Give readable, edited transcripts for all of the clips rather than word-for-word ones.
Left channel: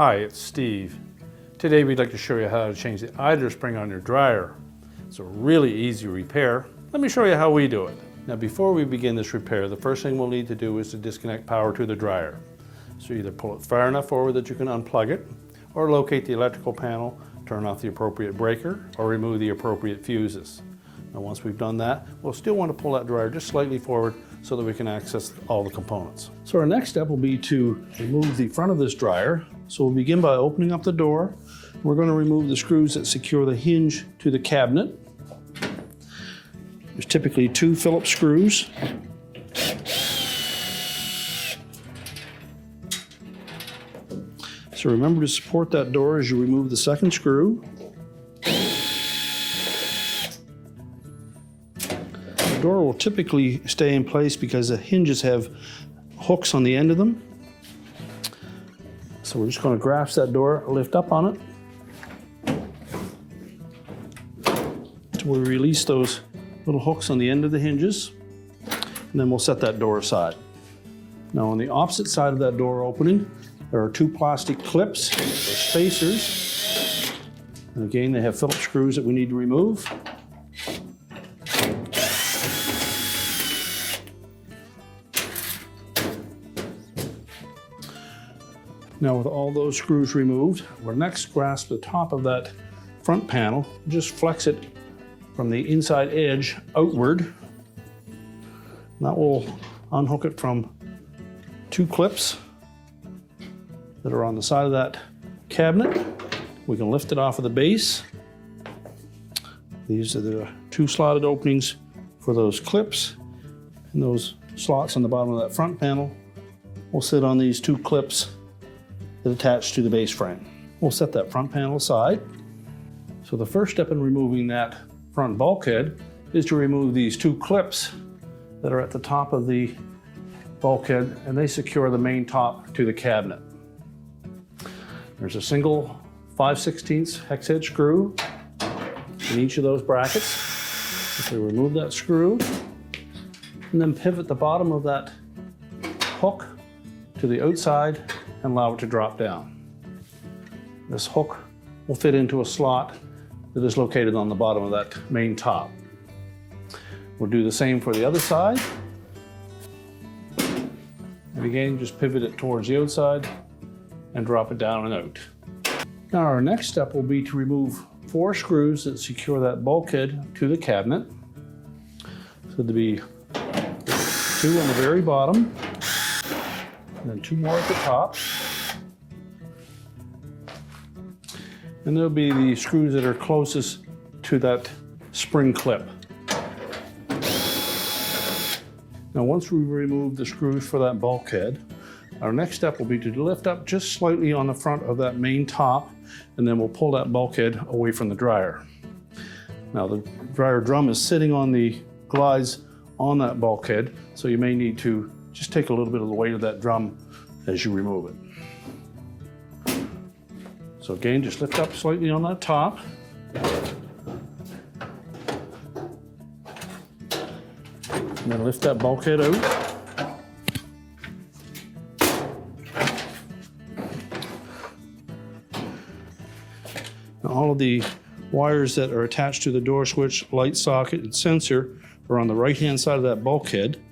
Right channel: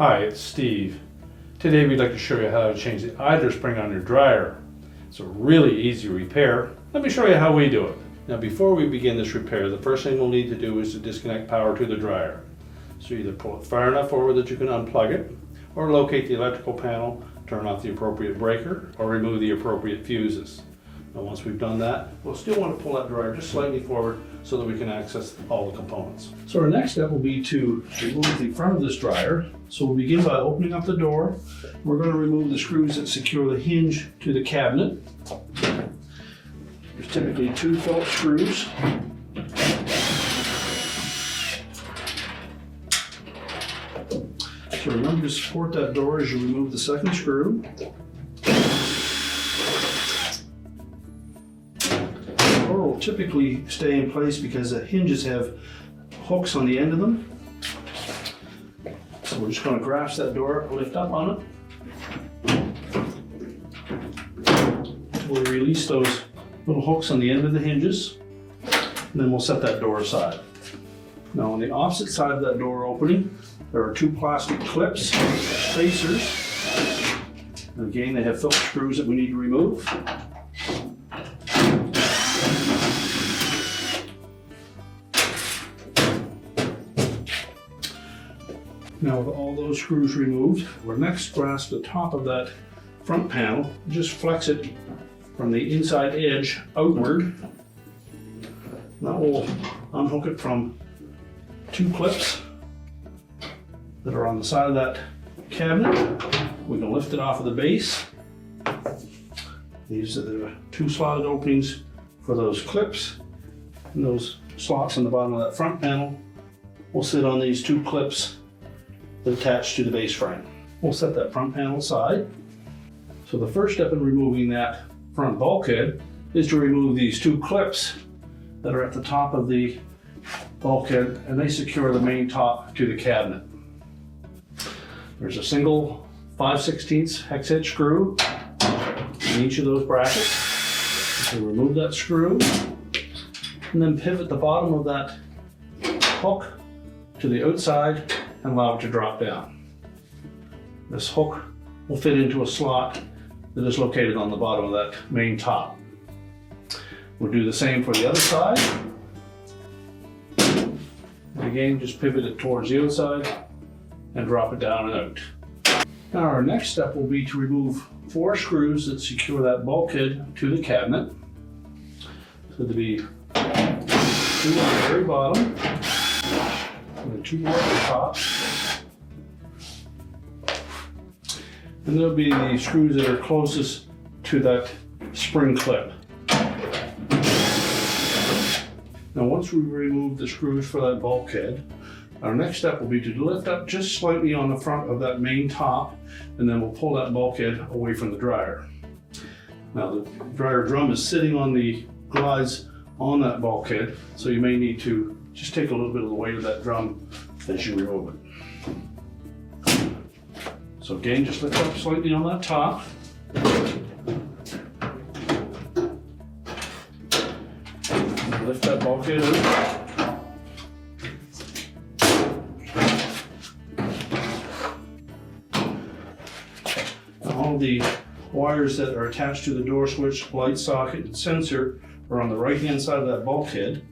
Hi, it's Steve. Today we'd like to show you how to change the idler spring on your dryer. It's a really easy repair. Let me show you how we do it. Now before we begin this repair, the first thing we'll need to do is to disconnect power to the dryer. So either pull it far enough forward that you can unplug it, or locate the electrical panel, turn off the appropriate breaker, or remove the appropriate fuses. Now once we've done that, we'll still want to pull that dryer just slightly forward so that we can access all the components. So our next step will be to remove the front of this dryer. So we'll begin by opening up the door. We're going to remove the screws that secure the hinge to the cabinet. There's typically 2 Phillips screws. So remember to support that door as you remove the second screw. The door will typically stay in place because the hinges have hooks on the end of them. So we're just going to grasp that door, lift up on it. We'll release those little hooks on the end of the hinges, and then we'll set that door aside. Now on the opposite side of that door opening, there are 2 plastic clips, spacers. And again, they have Phillips screws that we need to remove. Now with all those screws removed, we'll next grasp the top of that front panel, just flex it from the inside edge outward. That will unhook it from 2 clips that are on the side of that cabinet. We can lift it off of the base. These are the 2 slotted openings for those clips, and those slots on the bottom of that front panel will sit on these 2 clips that attach to the base frame. We'll set that front panel aside. So the first step in removing that front bulkhead is to remove these 2 clips that are at the top of the bulkhead, and they secure the main top to the cabinet. There's a single 5/16 hex head screw in each of those brackets. So remove that screw and then pivot the bottom of that hook to the outside and allow it to drop down. This hook will fit into a slot that is located on the bottom of that main top. We'll do the same for the other side. And again, just pivot it towards the outside and drop it down and out. Now our next step will be to remove 4 screws that secure that bulkhead to the cabinet. So there'll be 2 on the very bottom, and then 2 more at the top. And there'll be the screws that are closest to that spring clip. Now once we remove the screws for that bulkhead, our next step will be to lift up just slightly on the front of that main top, and then we'll pull that bulkhead away from the dryer. Now the dryer drum is sitting on the glides on that bulkhead, so you may need to just take a little bit of the weight of that drum as you remove it. So again, just lift up slightly on that top. And then lift that bulkhead out. All of the wires that are attached to the door switch, light socket, and sensor are on the right-hand side of that bulkhead.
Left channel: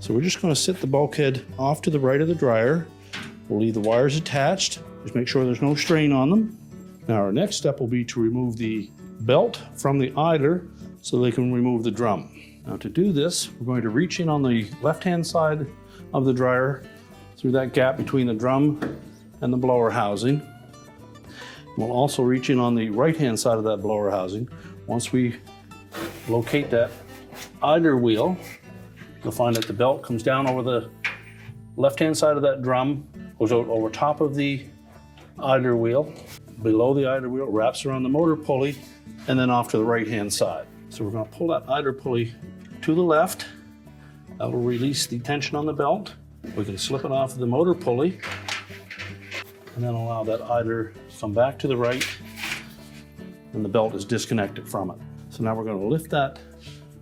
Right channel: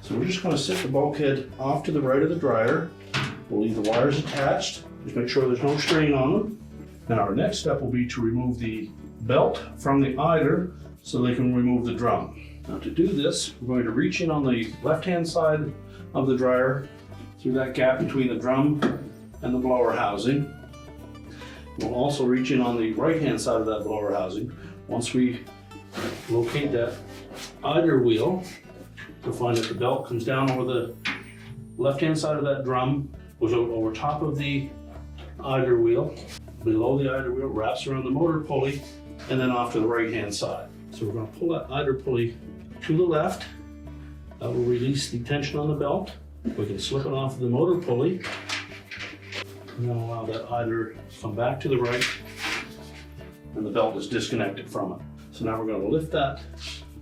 So we're just going to sit the bulkhead off to the right of the dryer. We'll leave the wires attached. Just make sure there's no strain on them. Now our next step will be to remove the belt from the idler so they can remove the drum. Now to do this, we're going to reach in on the left-hand side of the dryer through that gap between the drum and the blower housing. We'll also reach in on the right-hand side of that blower housing. Once we locate that idler wheel, you'll find that the belt comes down over the left-hand side of that drum, goes out over top of the idler wheel, below the idler wheel, wraps around the motor pulley, and then off to the right-hand side. So we're going to pull that idler pulley to the left. That will release the tension on the belt. We can slip it off of the motor pulley, and then allow that idler to come back to the right, and the belt is disconnected from it. So now we're going to lift that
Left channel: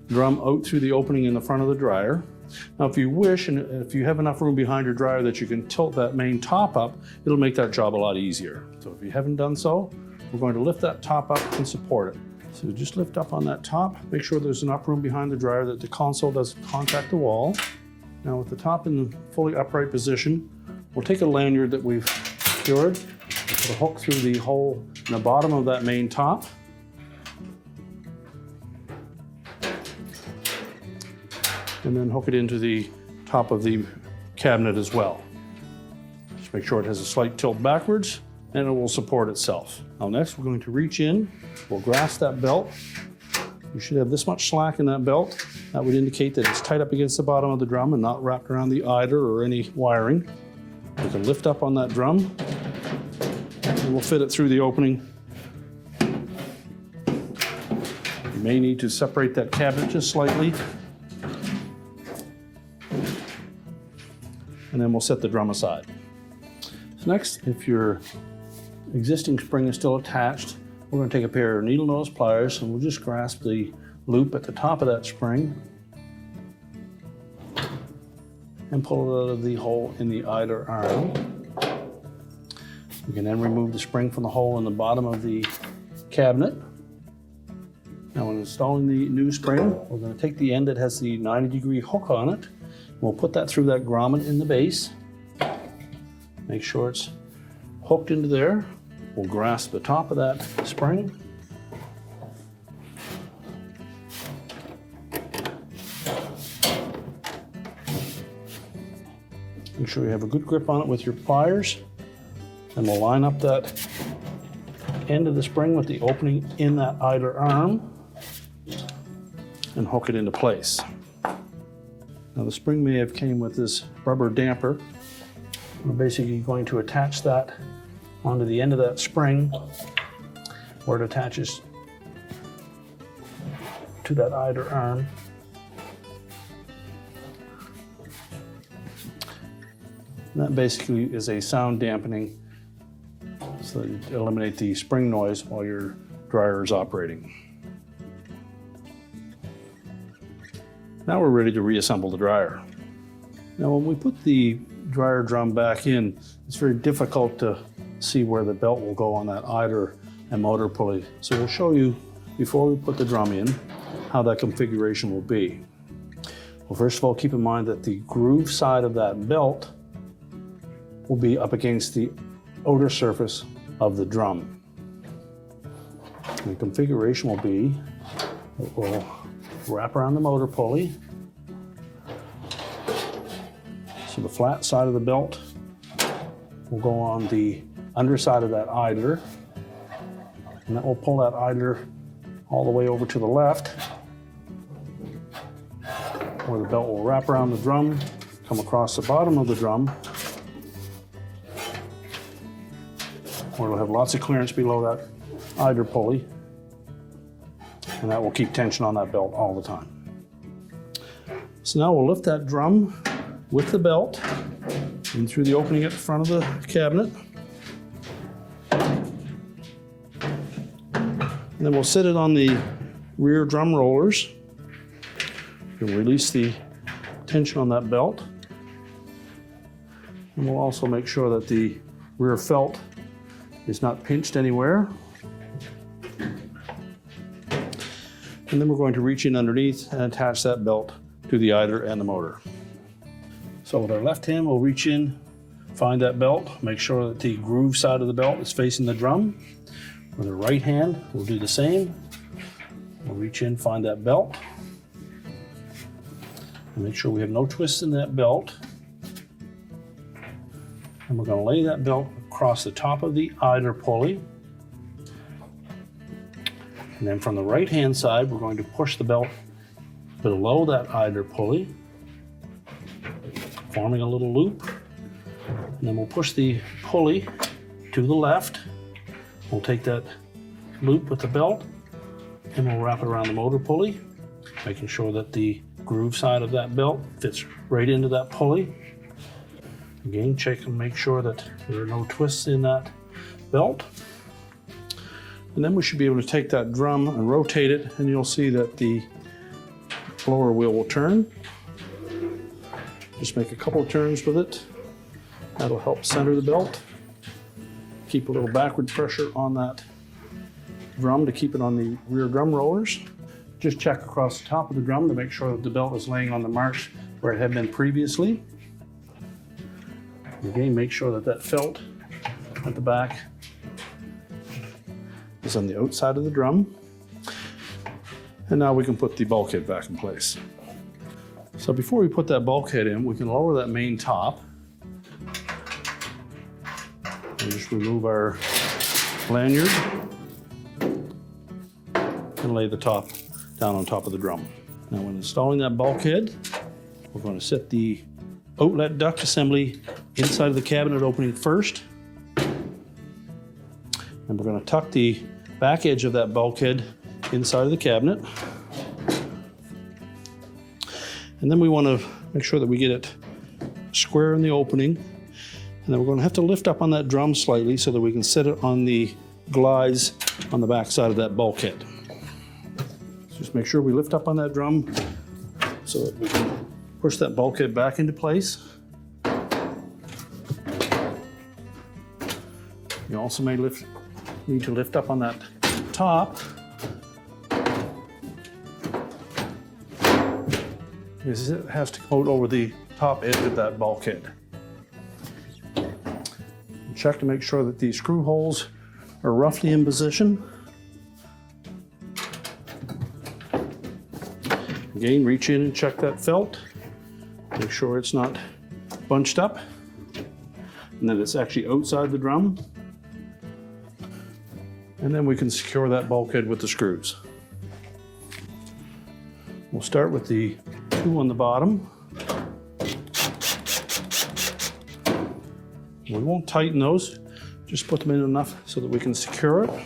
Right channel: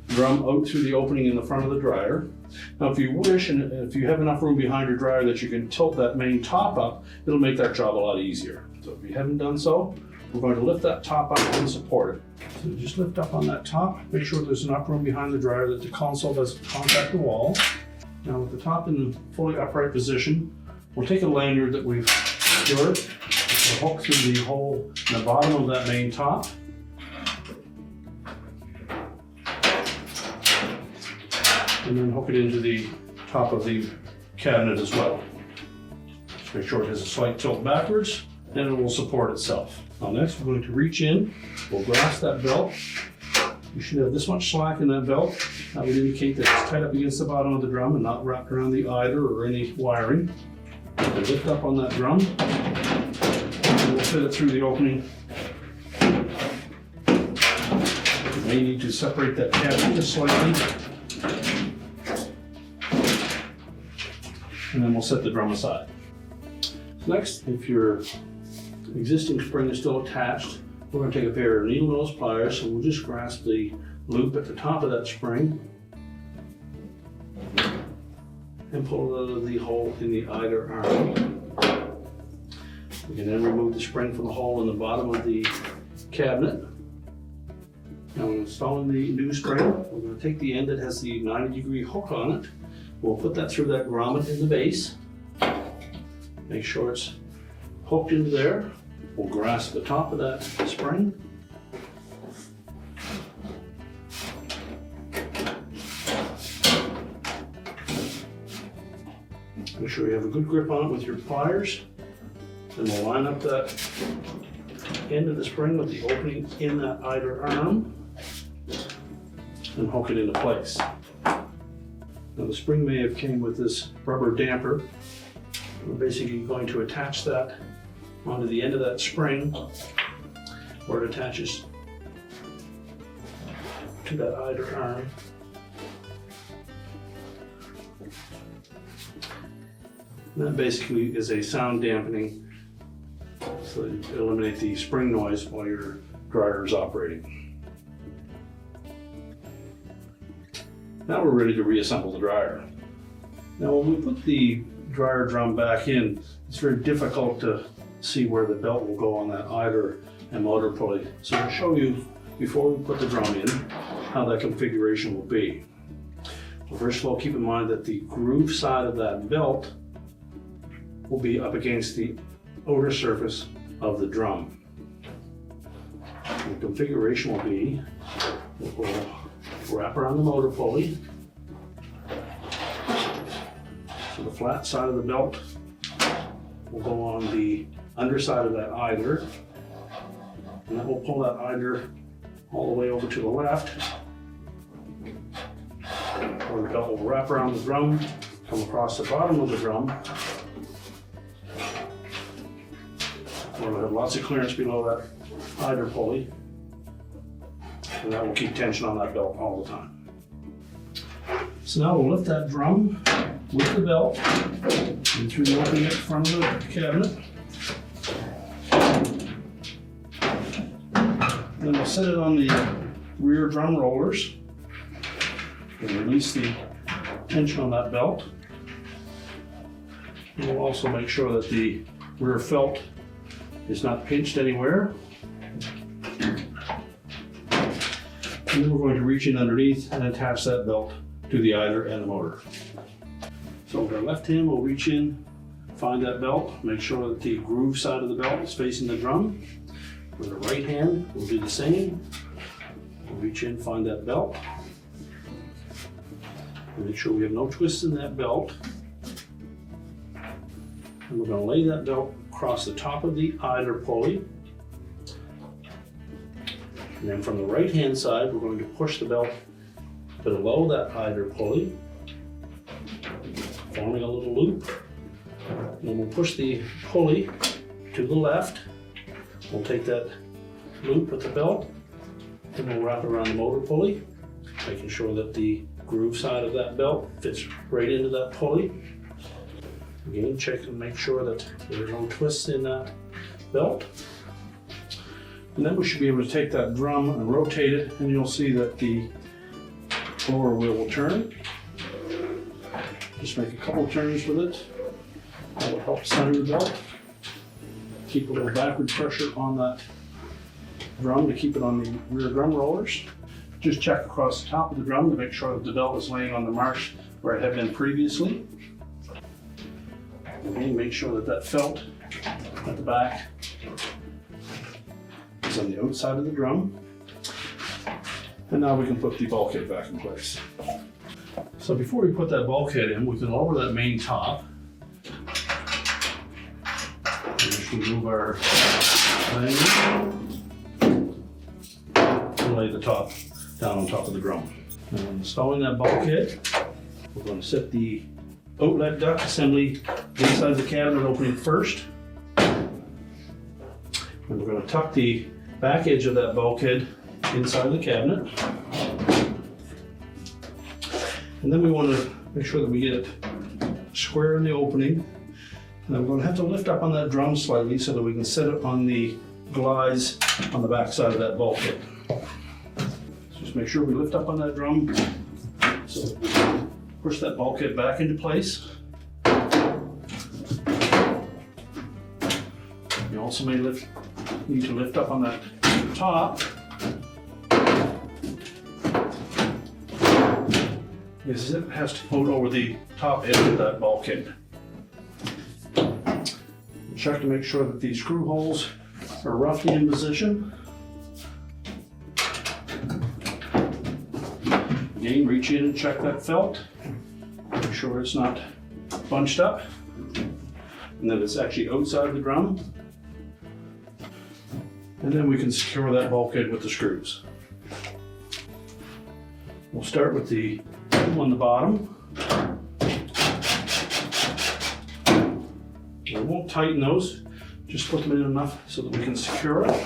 drum out through the opening in the front of the dryer. Now if you wish, and if you have enough room behind your dryer that you can tilt that main top up, it'll make that job a lot easier. So if you haven't done so, we're going to lift that top up and support it. So just lift up on that top, make sure there's enough room behind the dryer that the console doesn't contact the wall. Now with the top in the fully upright position, we'll take a lanyard that we've secured, we'll hook through the hole in the bottom of that main top. And then hook it into the top of the cabinet as well. Just make sure it has a slight tilt backwards and it will support itself. Now next we're going to reach in, we'll grasp that belt. You should have this much slack in that belt. That would indicate that it's tight up against the bottom of the drum and not wrapped around the eider or any wiring. You can lift up on that drum and we'll fit it through the opening. You may need to separate that cabinet just slightly. And then we'll set the drum aside. Next, if your existing spring is still attached, we're going to take a pair of needle nose pliers and we'll just grasp the loop at the top of that spring and pull it out of the hole in the eider arm. We can then remove the spring from the hole in the bottom of the cabinet. Now when installing the new spring, we're going to take the end that has the 90-degree hook on it. We'll put that through that grommet in the base. Make sure it's hooked into there. We'll grasp the top of that spring. Make sure you have a good grip on it with your pliers. And we'll line up that end of the spring with the opening in that eider arm and hook it into place. Now the spring may have came with this rubber damper. We're basically going to attach that onto the end of that spring where it attaches to that eider arm. And that basically is a sound dampening so that you eliminate the spring noise while your dryer is operating. Now we're ready to reassemble the dryer. Now when we put the dryer drum back in, it's very difficult to see where the belt will go on that eider and motor pulley. So we'll show you before we put the drum in how that configuration will be. Well, first of all, keep in mind that the groove side of that belt will be up against the outer surface of the drum. The configuration will be, we'll wrap around the motor pulley. So the flat side of the belt will go on the underside of that eider, and that will pull that eider all the way over to the left, where the belt will wrap around the drum, come across the bottom of the drum, where we'll have lots of clearance below that eider pulley, and that will keep tension on that belt all the time. So now we'll lift that drum with the belt and through the opening at the front of the cabinet. And then we'll set it on the rear drum rollers and release the tension on that belt. And we'll also make sure that the rear felt is not pinched anywhere. And then we're going to reach in underneath and attach that belt to the eider and the motor. So with our left hand, we'll reach in, find that belt, make sure that the groove side of the belt is facing the drum. With the right hand, we'll do the same. We'll reach in, find that belt. Make sure we have no twists in that belt. And we're going to lay that belt across the top of the eider pulley. And then from the right hand side, we're going to push the belt below that eider pulley, forming a little loop. And then we'll push the pulley to the left. We'll take that loop with the belt and we'll wrap it around the motor pulley, making sure that the groove side of that belt fits right into that pulley. Again, check and make sure that there are no twists in that belt. And then we should be able to take that drum and rotate it, and you'll see that the lower wheel will turn. Just make a couple turns with it. That will help center the belt. Keep a little backward pressure on that drum to keep it on the rear drum rollers. Just check across the top of the drum to make sure that the belt is laying on the marks where it had been previously. Again, make sure that that felt at the back is on the outside of the drum. And now we can put the bulkhead back in place. So before we put that bulkhead in, we can lower that main top. And just remove our lanyard and lay the top down on top of the drum. Now when installing that bulkhead, we're going to set the outlet duct assembly inside of the cabinet opening first. And we're going to tuck the back edge of that bulkhead inside of the cabinet. And then we want to make sure that we get it square in the opening. And then we're going to have to lift up on that drum slightly so that we can set it on the glides on the back side of that bulkhead. Just make sure we lift up on that drum so that we push that bulkhead back into place. You also may need to lift up on that top because it has to float over the top edge of that bulkhead. Check to make sure that the screw holes are roughly in position. Again, reach in and check that felt. Make sure it's not bunched up and that it's actually outside the drum. And then we can secure that bulkhead with the screws. We'll start with the two on the bottom. We won't tighten those, just put them in enough so that we can secure it.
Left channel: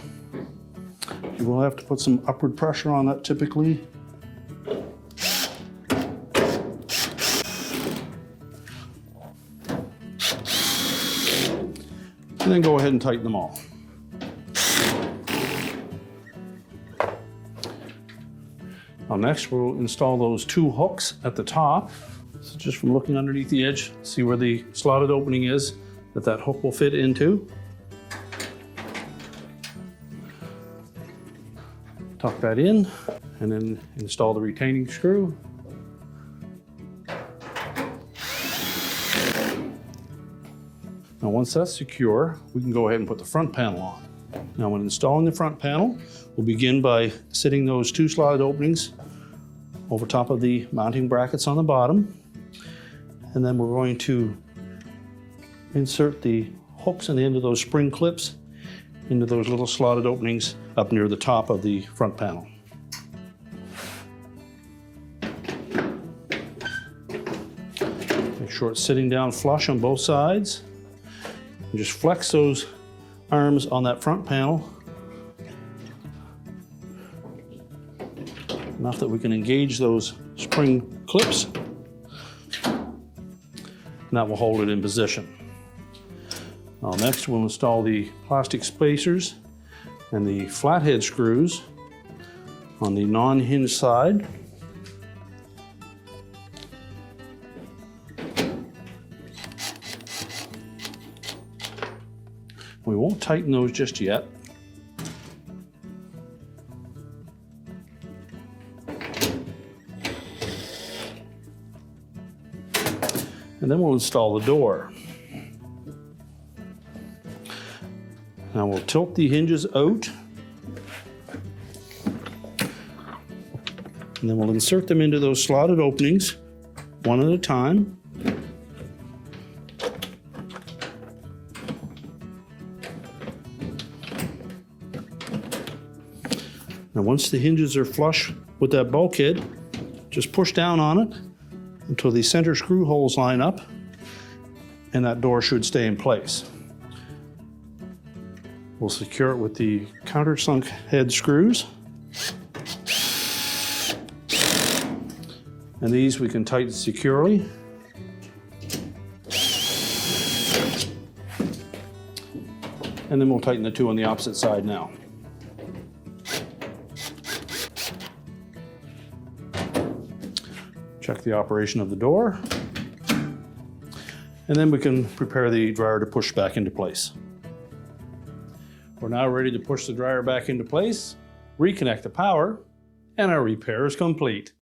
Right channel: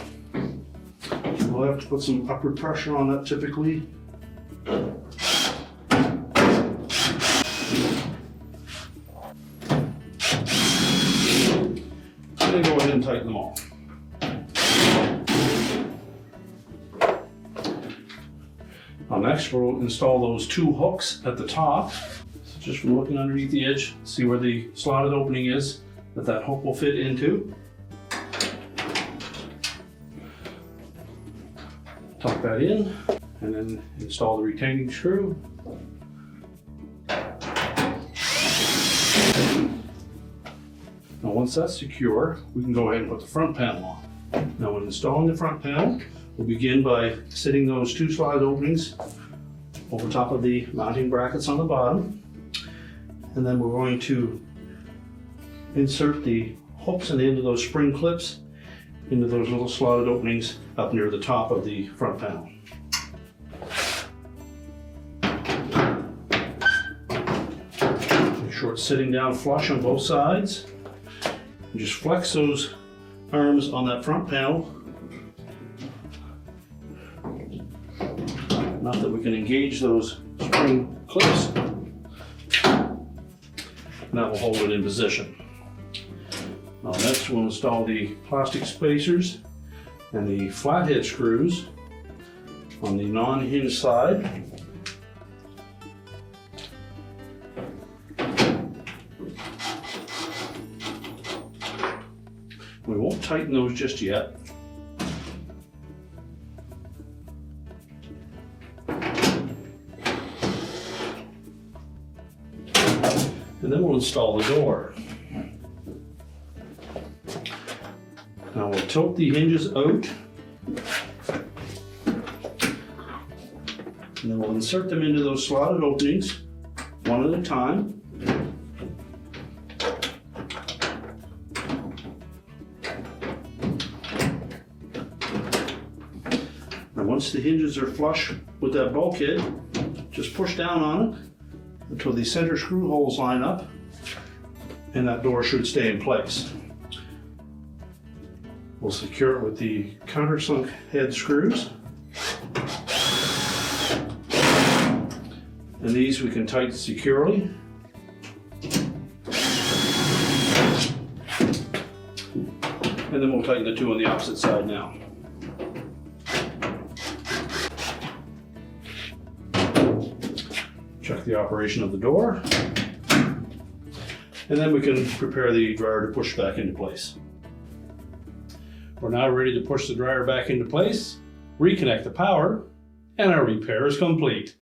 We'll have to put some upward pressure on that typically. And then go ahead and tighten them all. Now next we'll install those two hooks at the top. So just from looking underneath the edge, see where the slotted opening is that hook will fit into. Tuck that in and then install the retaining screw. Now once that's secure, we can go ahead and put the front panel on. Now when installing the front panel, we'll begin by sitting those two slotted openings over top of the mounting brackets on the bottom. And then we're going to insert the hooks in the end of those spring clips into those little slotted openings up near the top of the front panel. Make sure it's sitting down flush on both sides. And just flex those arms on that front panel. Enough that we can engage those spring clips. And that will hold it in position. Next we'll install the plastic spacers and the flathead screws on the non-hinged side. We won't tighten those just yet. And then we'll install the door. Now we'll tilt the hinges out. And then we'll insert them into those slotted openings one at a time. Now once the hinges are flush with that bulkhead, just push down on it until the center screw holes line up, and that door should stay in place. We'll secure it with the countersunk head screws. And these we can tighten securely. And then we'll tighten the two on the opposite side now. Check the operation of the door. And then we can prepare the dryer to push back into place. We're now ready to push the dryer back into place, reconnect the power, and our repair is complete.